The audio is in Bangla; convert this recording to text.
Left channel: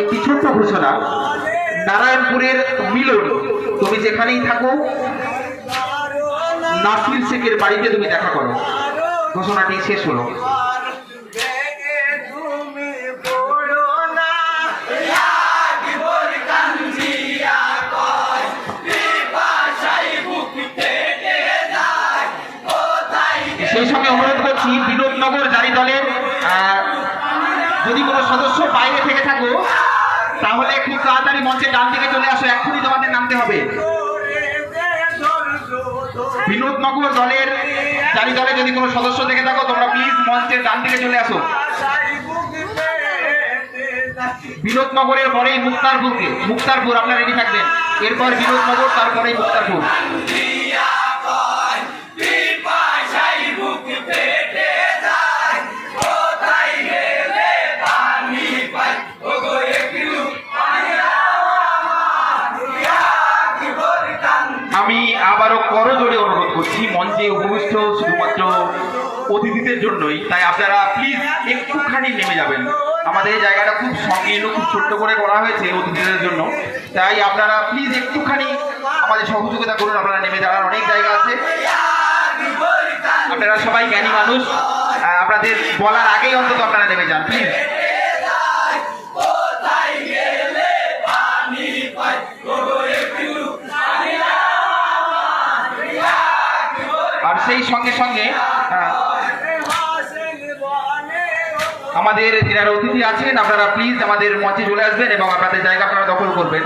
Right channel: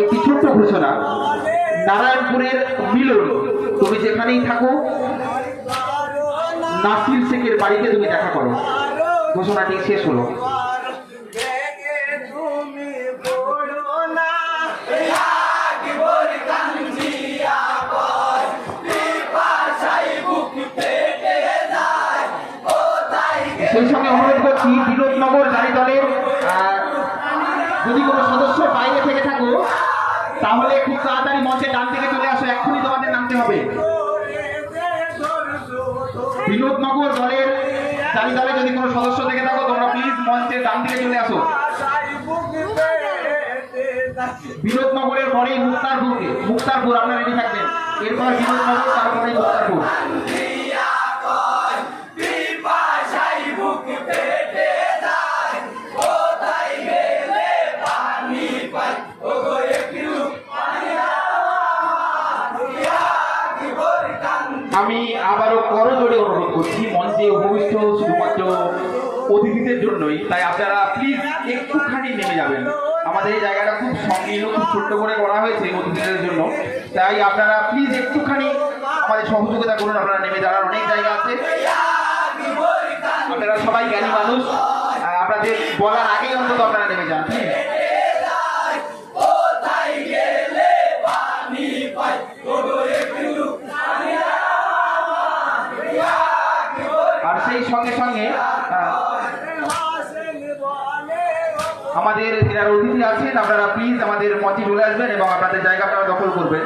একটি ছোট্ট ঘোষণা, নারায়ণপুরের মিলন, তুমি যেখানেই থাকো নাসির শেখের বাড়িতে তুমি দেখা করো। ঘোষণাটি শেষ হলো। সেই সঙ্গে অনুরোধ করছি বিনোদনগর জারি দলের যদি কোনো সদস্য বাইরে থেকে থাকো তাহলে খুব তাড়াতাড়ি মঞ্চের ডান দিকে চলে আসো, এক্ষুনি তোমাদের নামতে হবে। বিনোদনগর দলের জারি দলে যদি কোনো সদস্য থেকে থাকো তোমরা প্লিজ মঞ্চের ডান দিকে চলে আসো। বিনোদনগরের পরেই মুক্তারপুর আপনারা রেডি থাকবেন। এরপর বিনোদনগর, তারপরেই মুক্তারপুর। আমি আবারও করজোড়ে অনুরোধ করছি, মঞ্চে উপবিষ্ট শুধুমাত্র অতিথিদের জন্যই, তাই আপনারা প্লিজ একটুখানি নেমে যাবেন। আমাদের এই জায়গাটা খুব সংকীর্ণ, খুব ছোট্ট করে করা হয়েছে অতিথিদের জন্য, তাই আপনারা প্লিজ একটুখানি আমাদের সহযোগিতা করুন। আপনারা নেমে যাওয়ার অনেক জায়গা আছে, আপনারা সবাই জ্ঞানী মানুষ, আপনাদের বলার আগেই অন্তত আপনারা নেমে যান প্লিজ। আর সেই সঙ্গে সঙ্গে আমাদের যারা অতিথি আছেন আপনারা প্লিজ আমাদের মঞ্চে চলে আসবেন এবং আপনাদের জায়গা আপনারা দখল করবেন।